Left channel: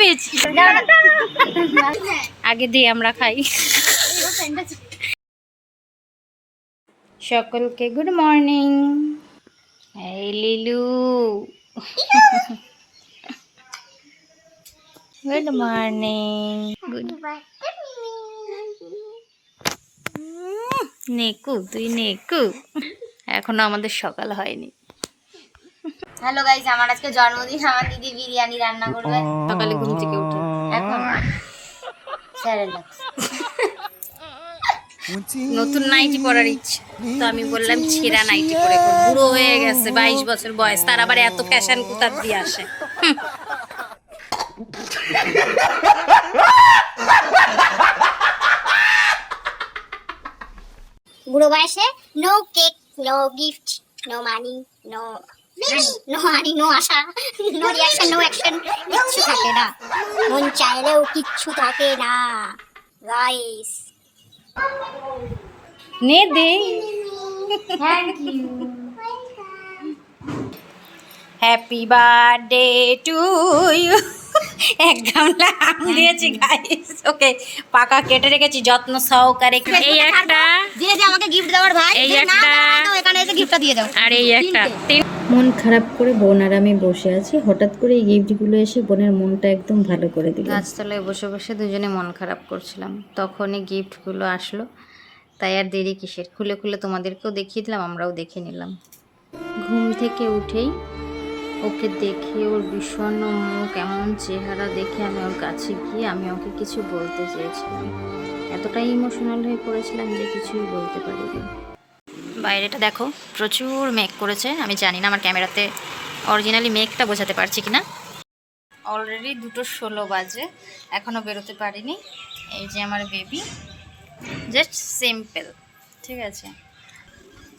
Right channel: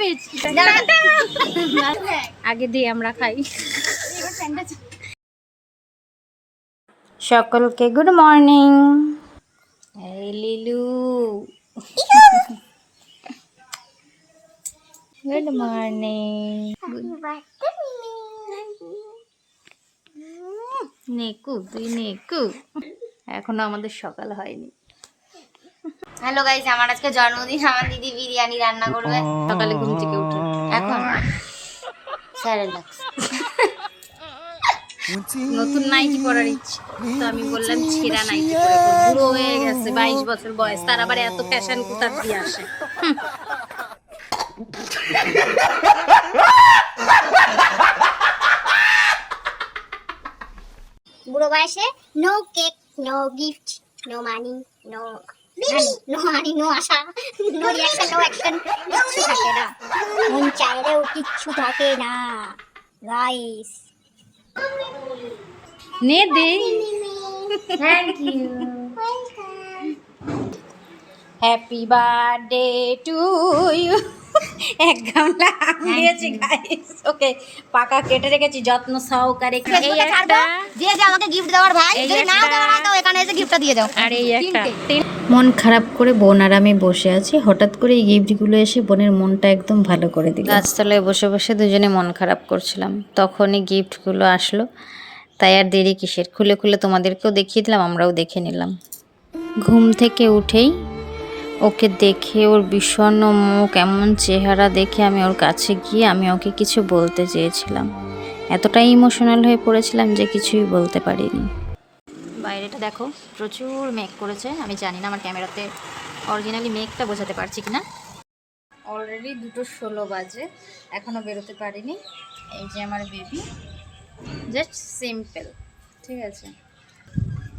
পেয়েছি। আগে দিয়ে আমরা খাই। সকলকে গুড মর্নিং এই লিলু। গুড মর্নিং গুড নেকু, তুই নেকু। এখনও আমাদের সকাল হয়নি। হ্যালো গাইস আমার আজকে জন্মদিন। আমার দিদি বিরিয়ানি রান্না করবে। সকালে ঘুম থেকে উঠে। এখন নতুন নাইটি পরার ইচ্ছে। তো আমি বললাম ছেঁড়া নাইটি পরে বুড়ো হয়ে গেছে বাইশ বছর বয়স। তার আবার এত ফ্যাশন কোথার দিয়ে আসে। বুড়ো বয়সে no cake no gift no money no no money no আশা। নো রিয়াকশন নো অ্যাকশন কিচ্ছু থাকে না। মন চাইলেও কিচ্ছু থাকে না। গাইস নে দে। Thank you happy birthday to you এক গামলা আম দিয়েছি গাইস ওকে পাকা কেটে রেখেছি যত্ন সহকারে এই একটা। যে যে আমাকে গিফট দেওয়ার ভাই এই একটা- এখানে এসে গিফটটা দিয়ে দাও। আর এই একটা। তিন মন খারাপ করে বোন আর আমি বসে আছি। হঠাৎ করে এই গিফটগুলো এসে বোনের মনটা একদম ভালো করে দিল। গাছতলায় বসে বসে দুজনে মন খারাপ করছিলাম। তখনই গিফটগুলো আসলো। তাই আর দেরি কিসের? খুলে খুলে তোমাদেরকেও দেখিয়ে দিলাম আমরাও দেখে নিলাম। ঘুম থেকে উঠেই ওকে দেখে, ওর বিষণ্ণ মুখ, এমন চেহারা দেখে আমি ওর কাছে গিয়ে আমি ওকে কিছু বলতে চেয়েছিলাম। এতটাই ইমোশনাল হয়ে পড়েছিলাম যে কিছুই বলতে পারিনি। বাইরেটা দেখো, প্রচুর মেঘ করেছে। আমি জানি না আমার ক্যামেরাতে অরিজিনালি মেঘটা বোঝাতে পারছি কিনা। অলরেডি দুটো ষোলো বাজে এখনও বেরোতে পারিনি। এই যে আমার বেবি জাস্ট সিম্পল ঠিক আছে?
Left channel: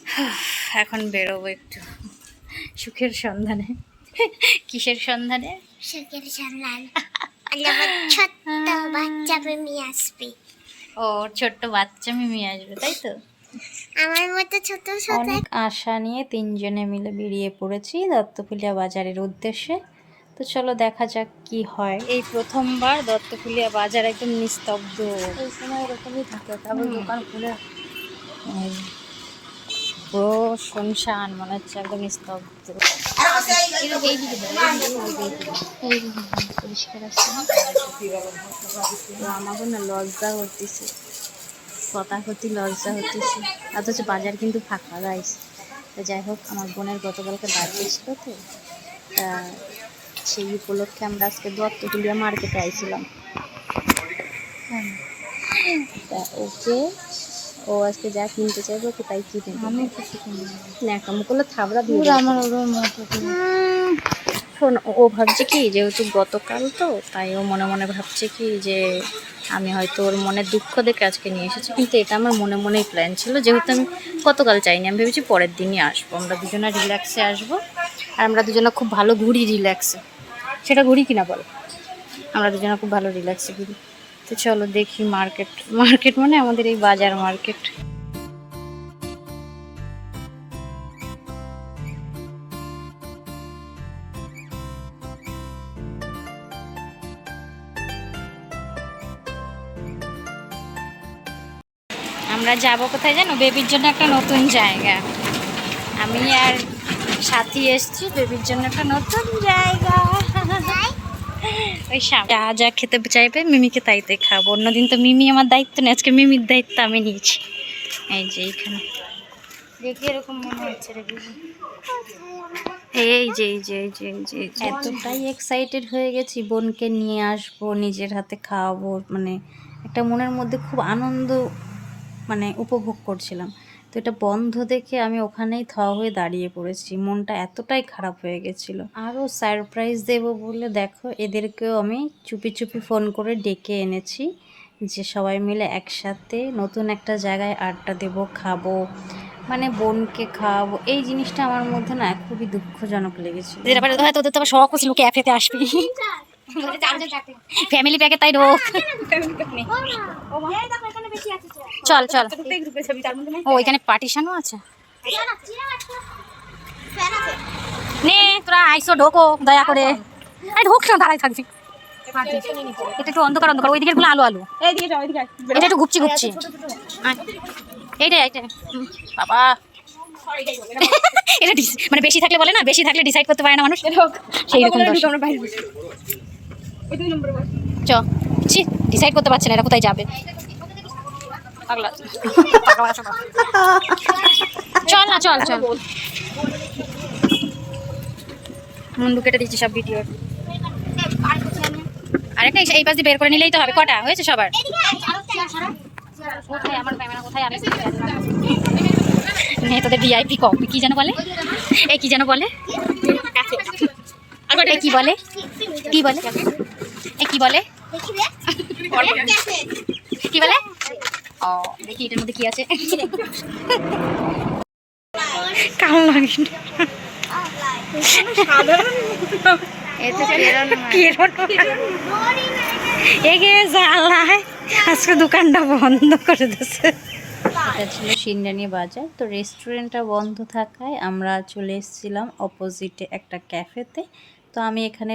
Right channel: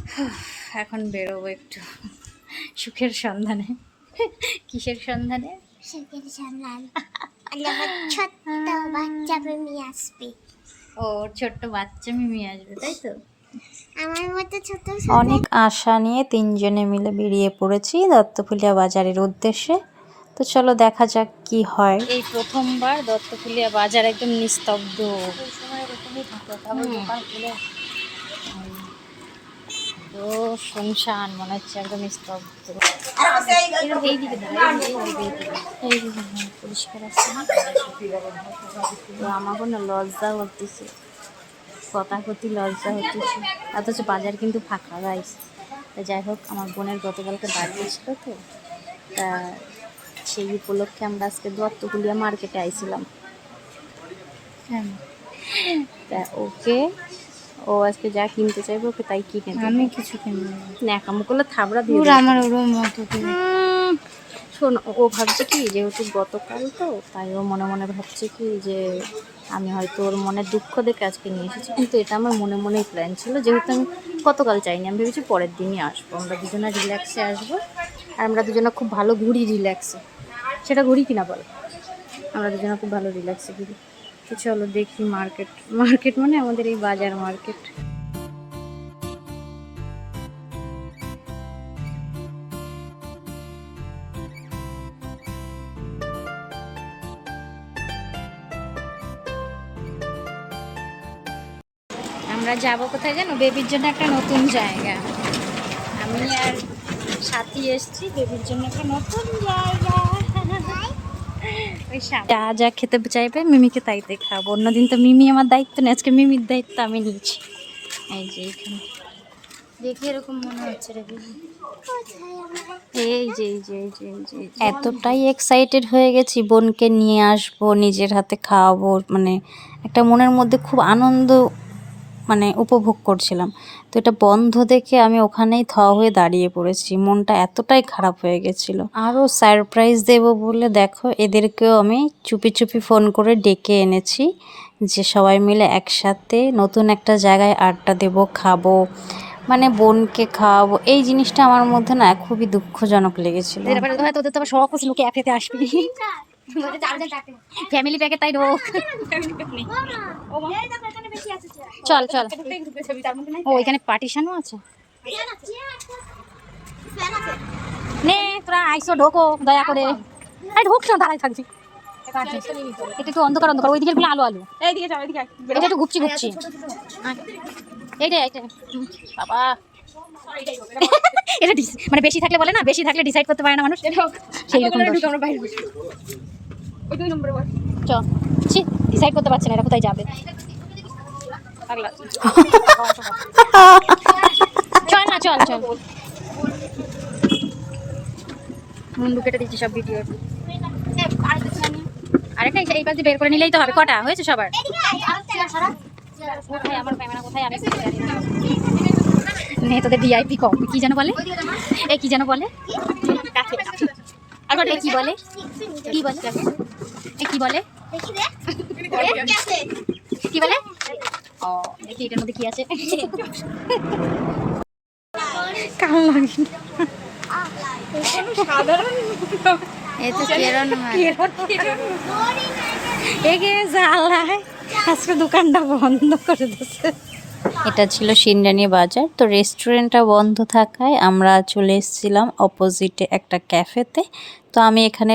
এখন বেরোবো একটু, সুখের সন্ধানে। কিসের সন্ধানে? সুখের সন্ধান। আমার ছোট্ট বাচ্চা প্রেমী আসবে। ও ছোট্ট বাচ্চা মিমি আসবে তাই তো? আমার মতো ছোট অনেক আশা নিয়ে তিনজনে মিলে বেরিয়ে পড়েছি দত্তফুলিয়া বাজারের উদ্দেশ্যে। তো চলো দেখা যাক কি হয়। এই প্রথমবার দত্তকুলিয়া বাজার একদম নিস্তব্ধ। এই সময় এরকমই থাকে তবে দোকান খুলে। পুরো শুনশান মনে হচ্ছে একদম নিস্তব্ধ। পরিষ্কার আছে। না তো আমাকে না লজ্জা করতেছে কথা করতে লজ্জা হতেছে অথচ বাজার কিন্তু ফাঁকা গাইস তা যাই হোক আমার বোনের গতকালকে বার্থডে ছিল তো। তা সেই উপলক্ষে আমরা আজকে দত্তকুলিয়া মার্কেটে আইছিলাম। হ্যাঁ। তা ওকে ও আজকে যা কিনতে চাইব ওকে তাই কিনে। আমি কিছু কিনি না। ন্যাকামো করলে থাবড়া দিয়ে আমার ওরম মতো শোন ও- ও ভাবছে কি যেহেতু গতকাল তো তাই ও মনে মনে ভাবছে কি যে আমি হয়তো ওর মনে দুঃখ দেখে আজকে নিয়ে এসেছি। কিন্তু এটা আমার মনে মনেই প্ল্যান ছিল যেহেতু আমি গতকাল চাইনি আমি ভেবেছি পরের দিনই আসব। আমরা দুজনে রিল্যাক্সে আসব আর আমরা দুজনে খুব ভালো ঘুরি রিল্যাক্সে সেটা ঘুরি কিনা বল? আমরা দুজনে খুব ভালো রিল্যাক্সে ঘুরি। তো চলো দেখি মার্কেট মার্কেট মানে আমাদের এই বাজার মার্কেট আমরা যাব কোথায় জানো? বেবির জন্য একটা নতুন জায়গা। আমি আর সাথী এসছি বেবির জন্য একটা নতুন জায়গা। যা যা খেতে চাইবে মিমিকে তাইতে খাব। অন্যদিন তো মিমি আমার দায়িত্ব নেই আজকে মিমির দায়িত্ব আমি নিয়েছি। এই যে এইখানে। দেখি এরকম মনে হচ্ছে রে এই যে এই যে এই যে এই যে এই যে। এতটাই এক্সাইটেড হয়ে গেছি বোনকে নিয়ে আসব নিজের হাতে খাওয়াবো মানে একটা মনের মধ্যে খুব আনন্দ মানে উপভোগ করছিলাম। তো এটা বন্ধ দেখে আমি ওখানেই থ হয়ে দাঁড়িয়ে পড়েছি। মনটা এতটাই খারাপ হয়ে গেছিল। আরও সারপ্রাইজ দেব বলে দেখো এদেরকেও আমি চুপি চুপি ফোন করে ডেকে এনেছি যে সবাই মিলে একসাথে নতুন একটা জায়গায় আড্ডা দেব খাব মানে বোনকে খাওয়াবো। এই জিনিসটা আমার মধ্যে না খুবই দুঃখজনক লেগেছিল। ওদের তো আবার শখ আসবি। ফ্যামিলি প্যাকে তাই ঢোক চল। চল ও ওইখানে পার্টিশনও আছে? নে তোরা আইসো ঢোকো দয়া করে। আরে ঢোক না দাঁড়াই থাকবি। এটা একটু অন্ধকার অন্ধকার। ওই দিকেরগুলো আলো আলো। এটা একটু ঘুপছি ঘুপছি আয়। এইটা এইটা। বাবা। এটা মানে বেশি থাকলে বলে না বেশি থাকলে ডিসাইড করতে পারে না মানুষ। সেই রকম চ। ছি ডিসাইড করতে পারছে না এটা কোথায় যাবে। চল না চল চল। মুন্ডু কেটে দিচ্ছি সব ভিডিও আরেকটা এই- পাশ দিয়ে বের করে নিলেই তো হবে। কটা? হয়েছে সবার? কোথায়? আমার ক্যামেরা কোথায়? আমি নে। তোদের ভিআইপি কপি কি যেন বলে? এই কি যেন বলে? কি বলে? কি বলে? কি বলে? কি বলে? ও দেখি এটার মধ্যে কি আছে। কাল লাগে আজকে দোকানটা বন্ধ করে দিচ্ছে এটা ছিল সিন্ডানি বাজার। তো রেস্টুরেন্টটা বন্ধ থাকায় আমরা চলে এসেছিলাম অপোজিটে একটা ক্যাফেতে তো আমি এখানে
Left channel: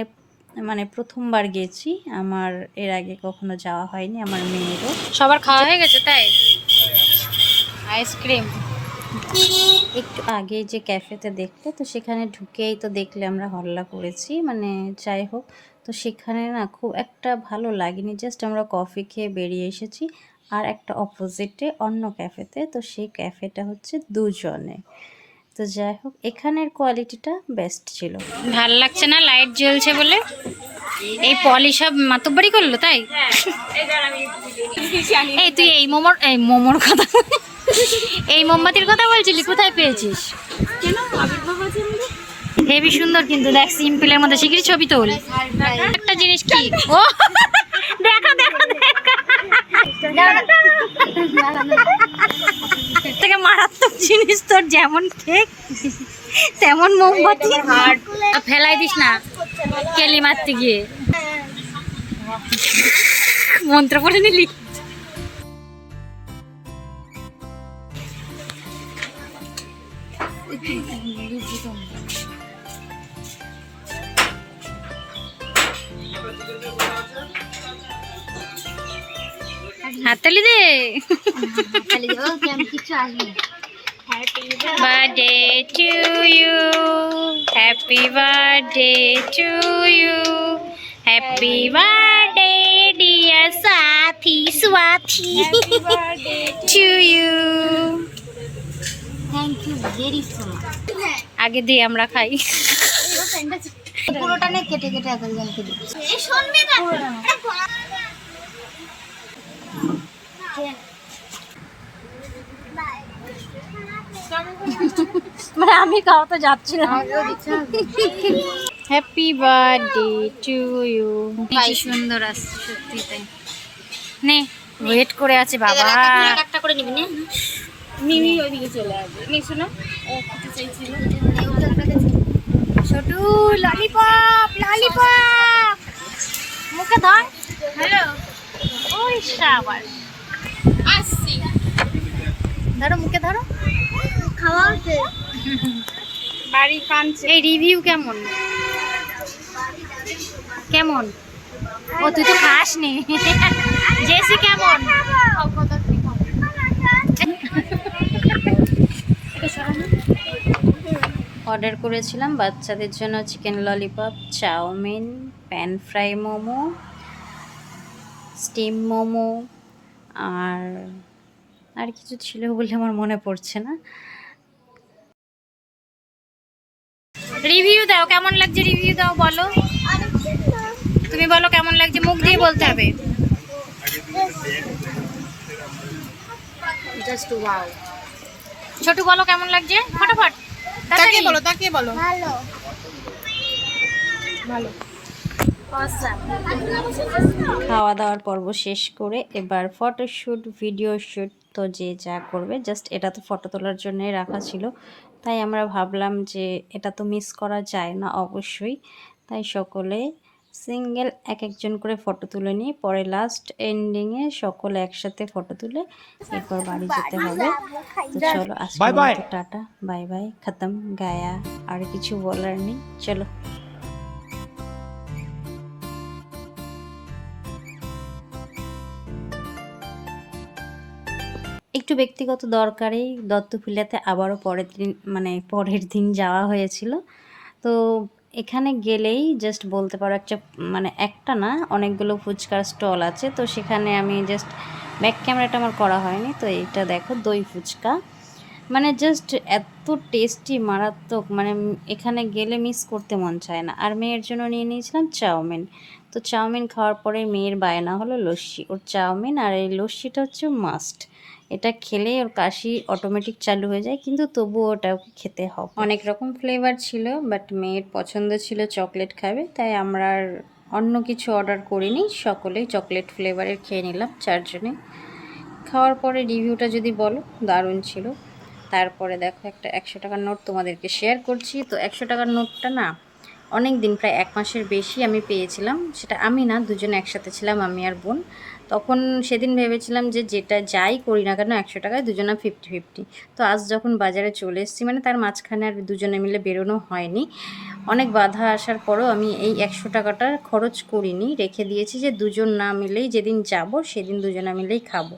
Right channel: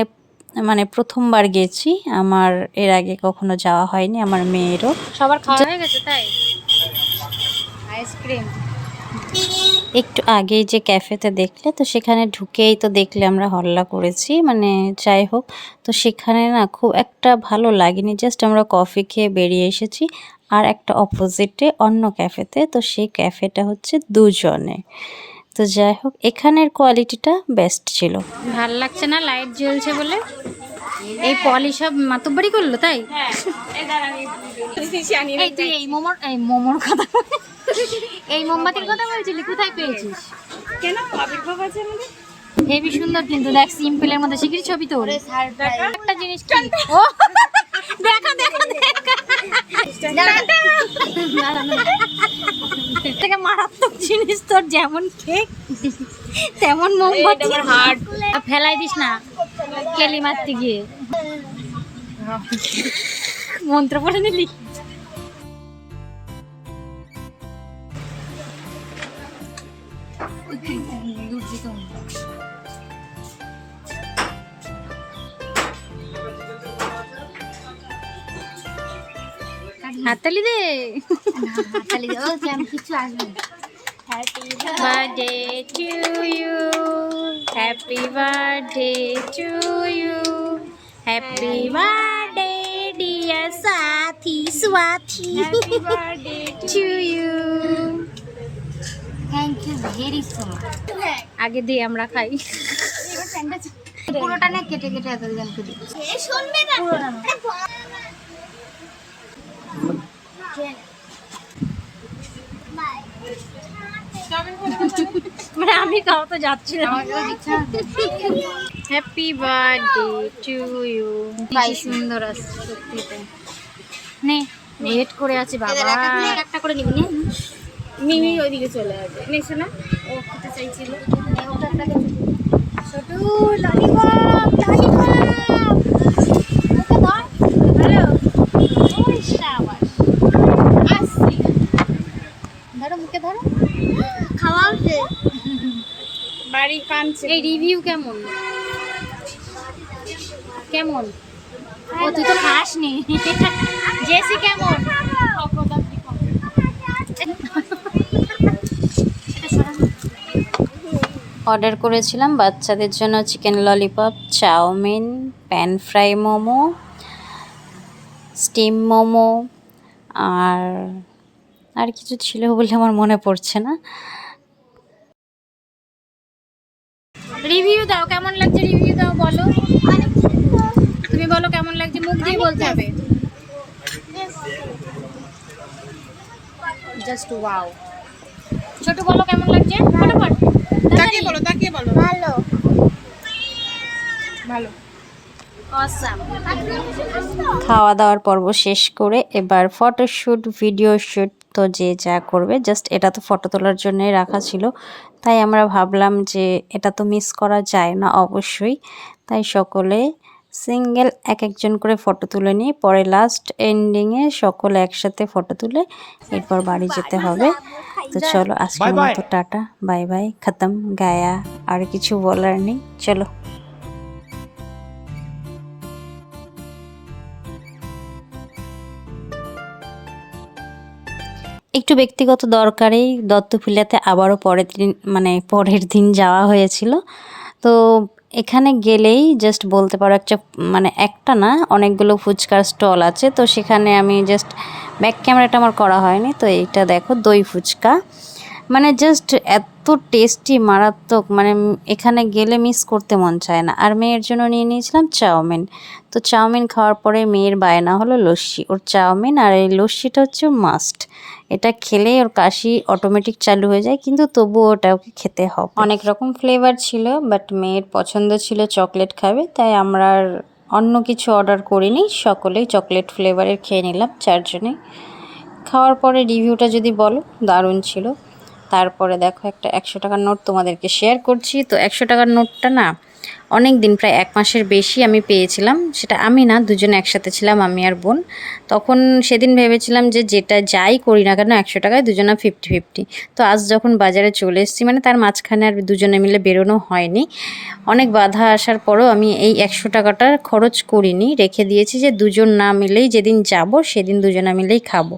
মানে প্রথমবার গেছি। আমার এর আগে কখনো যাওয়া হয়নি আমার মেয়েরও। সবার খাওয়া হয়ে গেছে তাই? আইসক্রিম। একটু আগেই যে ক্যাফেতে দেখলে তো সেখানে ঢুকেই তো দেখলে আমরা হল্লা করেছি মানে যাই হোক। তো সেখানে না খুব একটা ভালো লাগেনি জাস্ট আমরা কফি খেয়ে বেরিয়ে এসেছি। আর একটা অপোজিটে অন্য ক্যাফেতে তো সেই ক্যাফেটা হচ্ছে দুজনে। তো যাই হোক এখানের কোয়ালিটিটা বেস্ট ছিল। ভালো লাগছে না? লাইট জ্বলছে বলে? এই পলি সব মাতব্বারি করল তাই? এই তুই এই মোমোর এই মোমোর কথা এই মোমবাতির কথা বলছিলি কোথায় পেয়েছিস? কেন? আবির্ভাব আছে হেভি সুন্দর কিন্তু দেখ সিম্পলের মধ্যে শিগগিরই ছবি তোল। একটা জিনিস কি? ও দেখা দেখা দেখা। মারাত্মক জিনিস তোর যেমন কেক তেমন মোমবাতি। হার্ট ফেলাই দিস না কেলি মারতে গিয়ে। মন্ত্র পড়ে নিলি? হাততালি দে। Birthday to you happy birthday to you happy birthday dear Sathi Swathi to you thank you very so much আগে দিয়ে আমরা খাই। পুরোটা নে কেটে কেটে এতজনকে দিই শুনবে না? পুরোটা মানে আমি খাওয়াতে যাচ্ছি না। হ্যাপি বার্থডে টু ইউ কি সুন্দর আছে সত্যি তাই। নে ওয়েট করে আছে বাবা। একটা করে নিবি না। মিমি ওইদিকে চলে আসবে। না ও খেতে চাইছিল। ছোটু ললিপপ ললিপপ মুখে ধর। হ্যালো ওই সাবাস। আসছি। ধরো মুখে ধরো। খাওয়া বাড়ি কানছে এই রিভিউ কেমন? কেমন? ও তুই তো খাস নি জেসি কেমন? অর্ডার করেছিলাম বাচ্চাদের জন্য chicken lollipop chowmein pan fry momo steam momo আর আর কিছু ছিল বলে আমার মনে পড়ছে না। রিভিউ দাও কেমন লাগছে রিভিউ দাও বলো। তুমি বলো কেমন লাগছে মুখ দিয়ে বলতে হবে। জাস্ট ওয়াও ছোটু বলো কেমন লাগছে ফটাফট। তাকিয়ে বলো তাকিয়ে বলো। ভালো। ভালো। খাওয়া দাওয়ার পর্ব শেষ করে এবার ফটোশ্যুট ভিডিও শ্যুট তো যে যা করবে জাস্ট এটা তো ফটো তোলার জন্যই রাখা ছিল। তাই আমরা ভাবলাম যে এটা তো মিস করা যায় না অবশ্যই। তাই সকলে সিঙ্গেল এক একজন করে ফটো তুলে নিই পরে লাস্ট এন্ডিংয়ে সকলে একসাথে ফটো তুলে এরপর বাড়ি যেতে হবে। তো চলো. মতো টাটা বাই বাই খতম গায়া আর কিছু বলার নেই চলো। একটু ব্যক্তিগত দরকারেই দত্তফুলিয়াতে আবারও পরের দিন মানে পরের দিন যাওয়া হয়েছিল। তো এখানে গেলেই জাস্ট বলতে পারো একটা মানে একটা না, অনেকগুলো ফুচকার স্টল আছে। তো সেখানে আমি জাস্ট ব্যাক ক্যামেরাটা আমার করা হয়নি। তো এইটা দেখো, দই ফুচকা। মানে জাস্ট এত টেস্টি মারাত্মক মানে এখানে গেলে মিস করতে মন চায় না। আর মেয়ের জন্য নিয়ে নিয়েছিলাম চাউমিন। তো চাউমিন খাওয়ার পরে মেয়ের বায়না হলো লস্যি। ওর চাউমিন আর এই লস্যিটা হচ্ছে মাস্ট এটা খেলে ওর কাশি অটোমেটিক চালু হয়ে যায়, কিন্তু তবুও ওটা ওকে খেতে হবে। অনেক রকম ফ্লেভার ছিল বাট মেয়ের পছন্দ ছিল চকলেট খাবে, তাই আমরা অন্য কিছু অর্ডার করিনি, সকলেই চকলেট ফ্লেভারের খেয়ে নিলাম চারজনে খাওয়ার পরে রিভিউটা যদি বলো, দারুণ ছিল। তারপরে দেখো একটা একশো টাকার নোট তোমাদেরকে শেয়ার করছি, তো একশো টাকার নোটটা না অনেক দিন প্রায় এক মাসের বেশি আমি পেয়েছিলাম। সেটা আমি না, দুজনে একসাথে ছিলাম, আমি আর বোন। তখন সেদিন ভেবেছিলাম যে যেটা যাই করি না কেন, একশো টাকায় দুজনা ফিফটি ফিফটি তো আজ যখন বাজারে চলে এসেছি মানে তার মাঝখানে আর দুজনে মিলে বেরোনো হয়নি। অনেক বাধা আসার পরও আমি এই একশো টাকাটা খরচ করিনি। রেখে দিয়েছি যে দুজন না মিলেই যেদিন যাব, সেদিন দুজনা মিলেই খাব।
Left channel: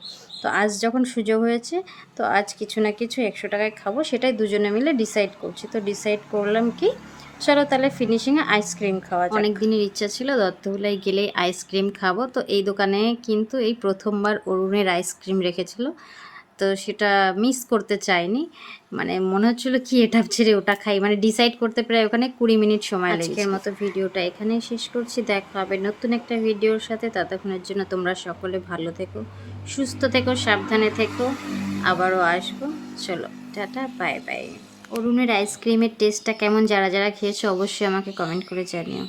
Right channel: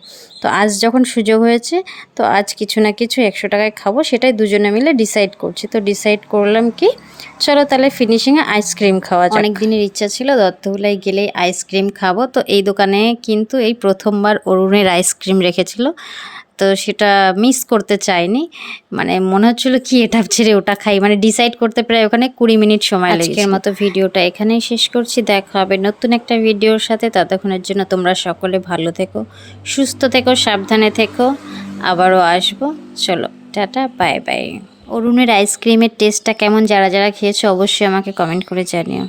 তো আজ যখন সুযোগ হয়েছে, তো আজ কিছু না কিছু একশো টাকায় খাব, সেটাই দুজনে মিলে ডিসাইড করছি। তো ডিসাইড করলাম কি, চলো তাহলে ফিনিশিংয়ে আইসক্রিম খাওয়া অনেক দিনের ইচ্ছা ছিল দত্তহুলাই গেলেই আইসক্রিম খাব। তো এই দোকানে কিন্তু এই প্রথমবার অরুণের আইসক্রিম রেখেছিল। তো সেটা মিস করতে চাইনি। মানে মনে হচ্ছিল কি এটা ছেড়ে ওটা খাই? মানে ডিসাইড করতে প্রায় ওখানে কুড়ি মিনিট সময় আজকের মতো ভিডিওটা এখানেই শেষ করছি। দেখা হবে নতুন একটা ভিডিওর সাথে। ততক্ষণের জন্য তোমরা সকলে ভালো থেকো সুস্থ থেকো সাবধানে থেকো। আবারও আসব। চলো টাটা বাই বাই অরুণের আইসক্রিমের টেস্টটা কেমন? যারা যারা খেয়েছো অবশ্যই আমাকে কমেন্ট করে জানিও।